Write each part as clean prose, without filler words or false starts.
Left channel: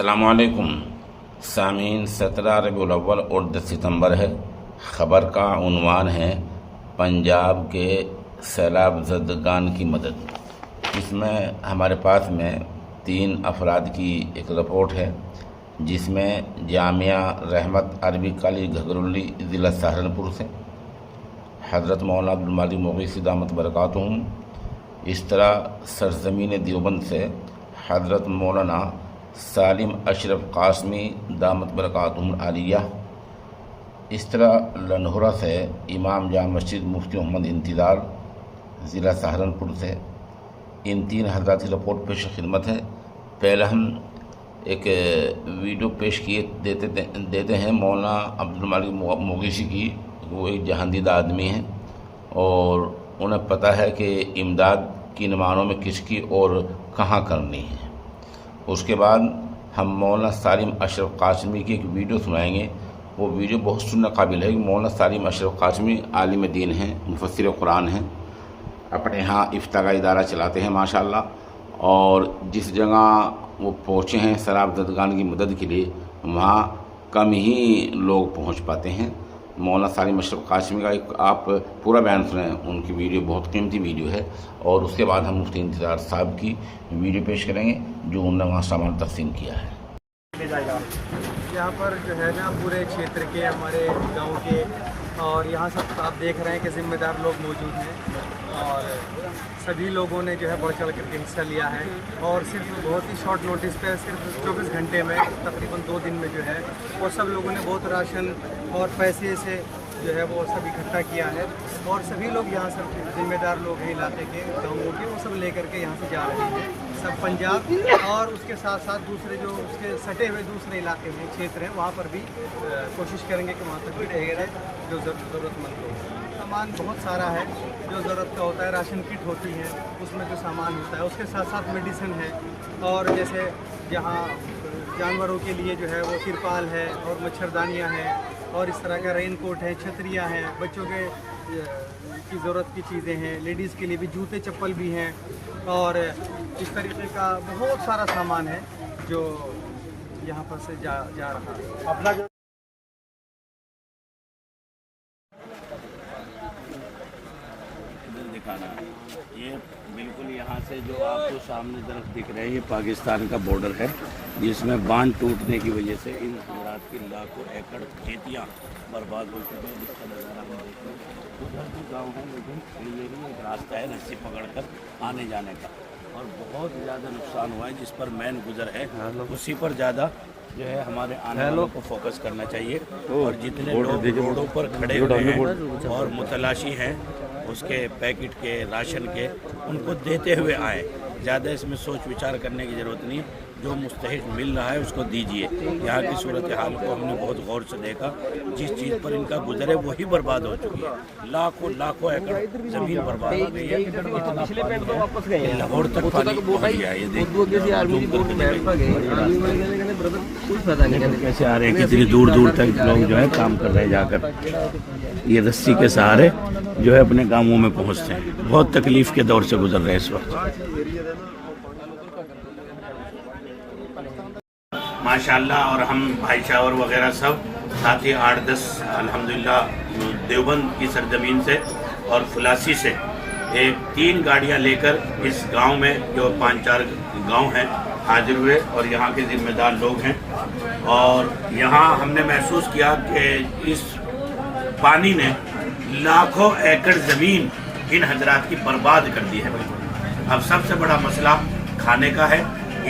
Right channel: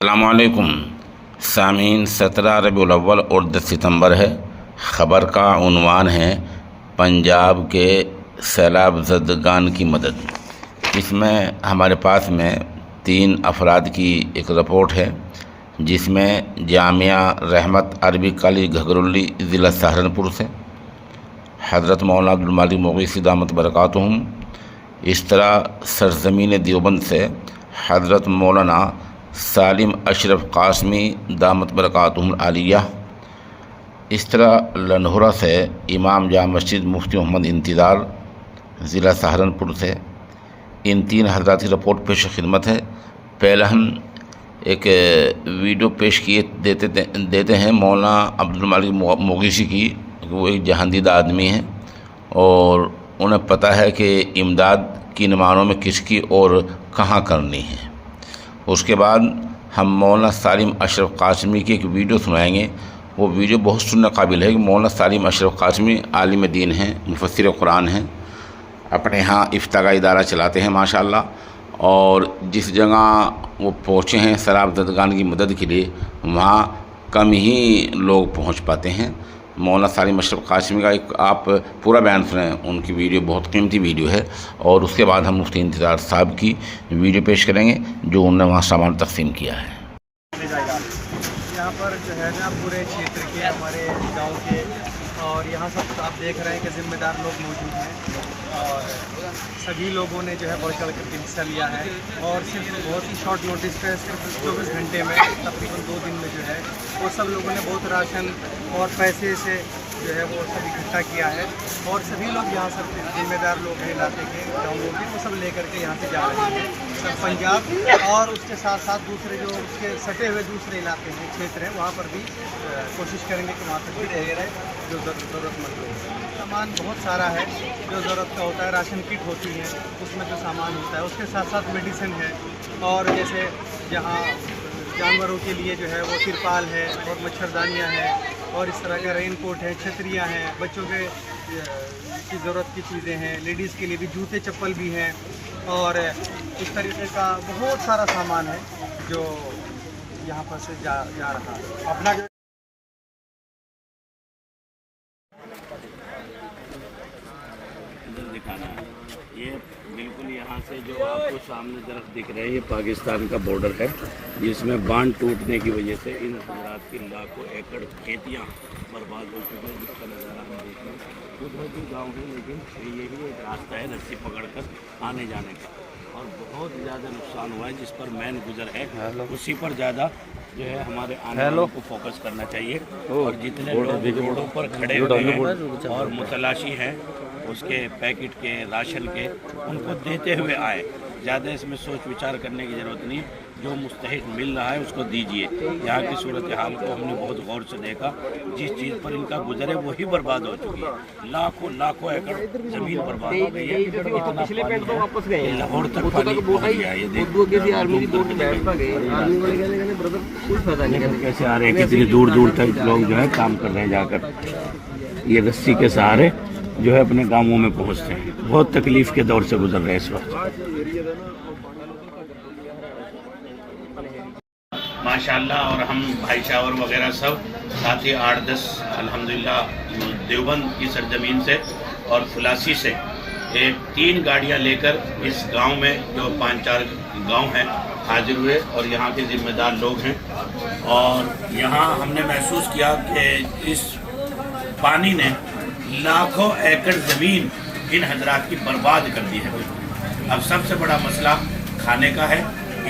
अस्सलामुअलैकुम सामीन 17 रबीउल अव्वल और 10 सितंबर है। ख़बर का उन्वान है पंजाब के सैलाब ज़दगान की मदद। इसमें हमारे पास में 3 अफराद की एक रिपोर्ट है जिसमें जामिया रहमत अरबी कॉलेज घगरुल्ली ज़िला सहारनपुर से हज़रत मौलाना अब्दुल मालिक मुग़ीसी दामत बरकातुहुम, इस तरह सरज़मीन देवबंद से हज़रत मौलाना सालिम अशरफ कासमी दामत बरकातुहुम आलिया, इस तरह लन्होरा से इमाम जाम मस्जिद मुफ्ती मोहम्मद इंतज़ार ज़िला सहारनपुर से इन 3 हज़रात की रिपोर्ट पेश खिदमत है। पहले हम एक वीडियो पेश किए देते हैं मौलाना अब्दुल मालिक मुग़ीसी की। वो एक जहांदीदा आदमी हैं और उन्हें पता है कि इमदाद किन मानों में किसकी और कहाँ करनी है। उसके बाद हम मौलाना सालिम अशरफ कासमी की एक वीडियो सुनाएंगे। वो वीडियो बहुत सुनने काबिल है कि मौलाना सालिम अशरफ कासमी आलिम दीन हैं, मुफस्सिर कुरान हैं, अपने यहाँ इफ्ता का इदारा चलाते हैं माशाअल्लाह। और जिस जगह वो पहुँचे हैं सैलाब ज़दगान की मदद के लिए, वहाँ कम ही लोग पहुँच पाते हैं। मौलाना सालिम अशरफ कासमी का एक आप पूरा बयान सुनें, उनकी वीडियो बहुत कीमती वीडियो है। और उसके बाद हम मुफ्ती इंतज़ार साहब की वीडियो पेश करेंगे जो उन्होंने वहाँ सामान तकसीम किया है। यहाँ पर जो है ना पूरे क्षेत्र के हमारे गांव के और यहाँ सब आप देख रहे हैं कि ज़िम्मेदार लोग मौजूद हैं और सभी लोगों ने जो है बढ़ चढ़ करके हिस्सा लिया है। और सिर्फ बहुत ही शॉर्ट नोटिस पर सिर्फ 24 घंटे में तकरीबन 2 दिन में जो है वो सब लोगों ने बहुत राशन और पैसे से जो है वो सब इकट्ठा किया है। और सभी लोग यहाँ सब जिम्मेदार लोग हैं इलाके के, गाँवों के, वो सब लेकर के यहाँ से जा रहे हैं सब पंजाब। और उसके साथ साथ दूसरे जो उसके सटे हुए दूसरे इलाके हैं, क्षेत्र हैं, वहाँ पर भी कोशिश करेंगे कि वहाँ तक भी रहे जो ज़रूरतमंद लोग। सामान बहुत सारा है जो ज़रूरत का होता है, राशन किट होती है उसमें जो सामान होता है, उसके साथ साथ मेडिसिन है। और जैसे जहाँ जानवरों के लिए जो है वो तिरपाल है और मच्छरदानियाँ हैं और इस तरह का रेन कोट है, छतरियाँ हैं, बच्चों के की ज़रूरत की चीज़ें हैं, लेडीज़ के लिए भी जूते चप्पल भी हैं। और इस तरीके का बहुत सारा सामान है जो यहाँ पर से जा रहा है। अपना ये बिल्कुल यहाँ से जो आपको सामने तरफ दिख रहा है ये पाकिस्तान का बॉर्डर है, जिसमें बांध टूटने की वजह से इन हज़रात की लाखों एकड़ खेतियाँ बर्बाद हो चुकी हैं। जिसका नज़ारा हम देख रहे हैं उधर भी गाँव है, लेकिन ये भी एक रास्ता है रस्सी पकड़कर आने जाने का। और बहुत ज़्यादा नुकसान हुआ है, जिस पर मैन गुजर है उसी पर ज़्यादा जो है हमारे आने वालों को फोकस करना चाहिए। और जितने लोग रोडों पर खड़े हुए हैं और मुतलाशी हैं उसके पैकेट के, राशन के, उनको देते हुए आए। ज़्यादा इसमें सोच विचार करने की ज़रूरत नहीं, जो मुस्तहिक मिल रहा है उसको दीजिए। यहाँ की सूरत हाल को हमने बहुत गौर से देखा, जिस चीज़ पर इनका गुजर है वही बर्बाद हो चुकी है। लाखों लाखों एकड़ ज़मीन बर्बाद हो गई है। इतना पानी है लाहौर तक पानी पहुँच गया। ये कैसे आ रहे हैं, कितनी दूर दूर तक लोग जो है काम कर रहे हैं, जाकर ये रस्सी के सहारे जो है अपने गांवों में पहुंचते हैं। बहुत तकलीफ के दौर से गुजर रहे हैं इस वक्त माशाअल्लाह। और हम भाई शावर वगैरह सब साथ ही 8-10 अल्हम्दुलिल्लाह देवबंद की सरजमीन से और फुलासी से 3 गाड़ियां लेकर इस गांव में जो 5-4 गांव हैं हाजिर हुए। और यहाँ के जिम्मेदार लोग हैं। और यहाँ हमने महसूस किया कि इस पानी ने लाखों एकड़ ज़मीन इन हजरात की बर्बाद कर दी है। अब सबसे बड़ा मसला खाने का है,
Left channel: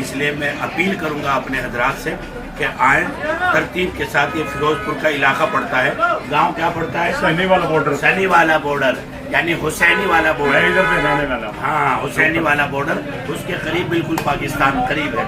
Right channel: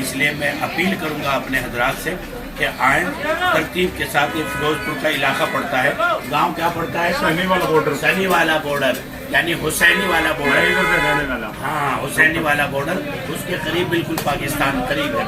इसलिए मैं अपील करूंगा अपने हजरात से कि आएँ तरतीब के साथ। ये फिरोजपुर का इलाका पड़ता है, गांव क्या पड़ता है, सैनी वाला बॉर्डर यानी हुसैनी वाला बॉर्डर। हाँ, हुसैनी वाला बॉर्डर, उसके करीब बिल्कुल पाकिस्तान करीब है।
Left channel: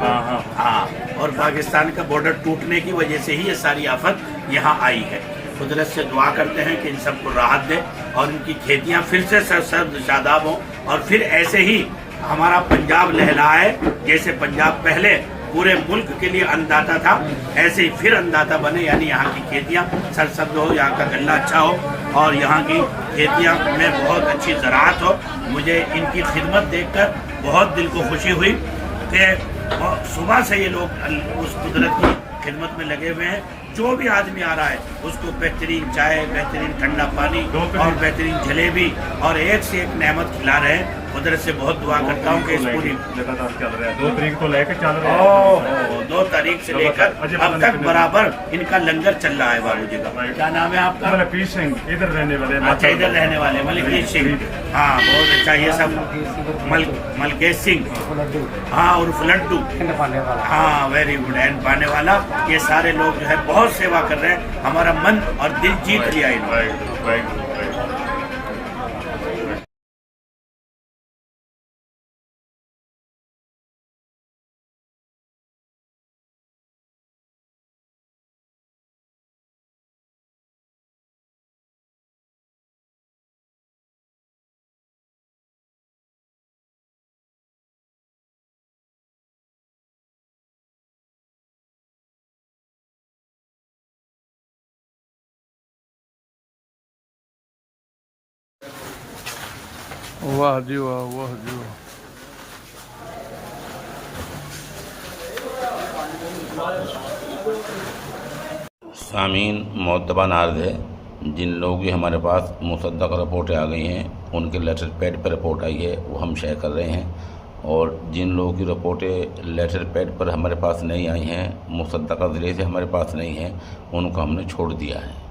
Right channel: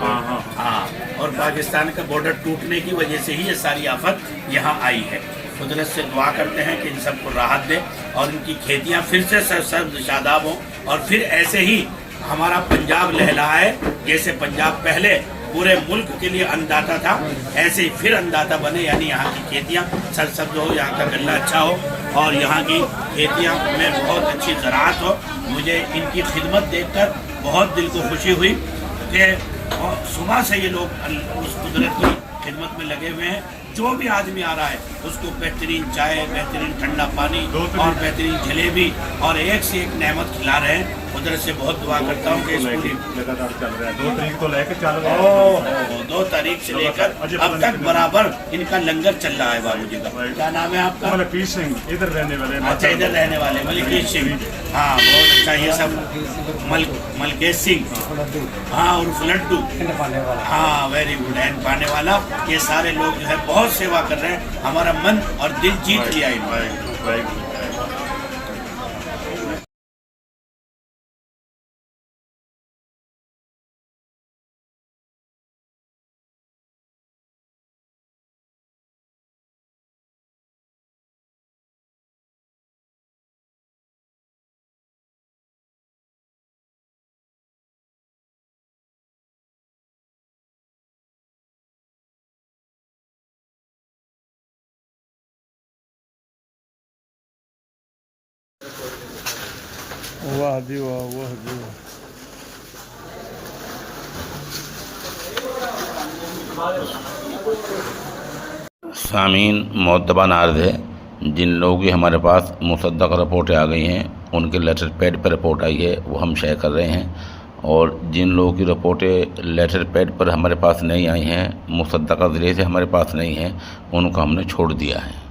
हाँ, और पाकिस्तान का बॉर्डर टूटने की वजह से ही ये सारी आफत यहाँ आई है। कुदरत से दुआ करते हैं कि इन सबको राहत दे और इनकी खेतियाँ फिर से सर्द शादाब हों और फिर ऐसे ही हमारा पंजाब लहलाए। जैसे पंजाब पहले पूरे मुल्क के लिए अन्नदाता था, ऐसे ही फिर अन्नदाता बने, यानी यहाँ की खेतियाँ सरसब्ज हो, यहाँ का गन्ना अच्छा हो और यहाँ की खेतियाँ में बहुत अच्छी ज़राअत हो। मुझे इनकी खिदमत देखकर बहुत दिल को खुशी हुई कि اور صبح سے یہ لوگ اس قدرت کی خدمت میں لگے ہوئے ہیں. جو بھی آدمی آ رہا ہے اس کو بہترین چائے، بہترین ٹھنڈا پانی اور بہترین جلیبی اور ایک سے ایک نعمت کھلا رہے ہیں. قدرت سے بہت دعا کرتا ہوں کہ اس پوری 2 تاریخ تو لے کے چل رہا ہے. 2 تاریخ سے لے کر اب تک برابر ان کا لنگر چل رہا ہے. بابو جی کا کیا نام ہے آپ کا؟ ملکیت سنگھ. ادھر رہنے والے. اچھا، ادھر رہنے والے ملکیت سنگھ. ہاں بہت اچھا. یہ سب ملکیت سنگھ، ہاں، عرف لڈو. ہاں ویری گڈ. اینڈ پانے والا. یہ سارے لوگ جو ہے بہت سیوا کر رہے ہیں. ہمارا من اور دل جیت لیا انہوں نے. واہ جی واہ، واہ جی واہ. سامعین، معتبر عرض ہے، جن لوگوں کی ہمارے پاس مصدق رپورٹیں آ گئی ہیں ان کے لیٹر پیڈ پر رپورٹ آئی ہے وہ ہم شیئر کر رہے ہیں، اور جن لوگوں کی رپورٹیں لیٹر پیڈ پر ہمارے پاس نہیں آئی ہیں، مصدقہ ذریعے سے ہمارے پاس نہیں ہیں، ان کو ہم نے چھوڑ دیا ہے.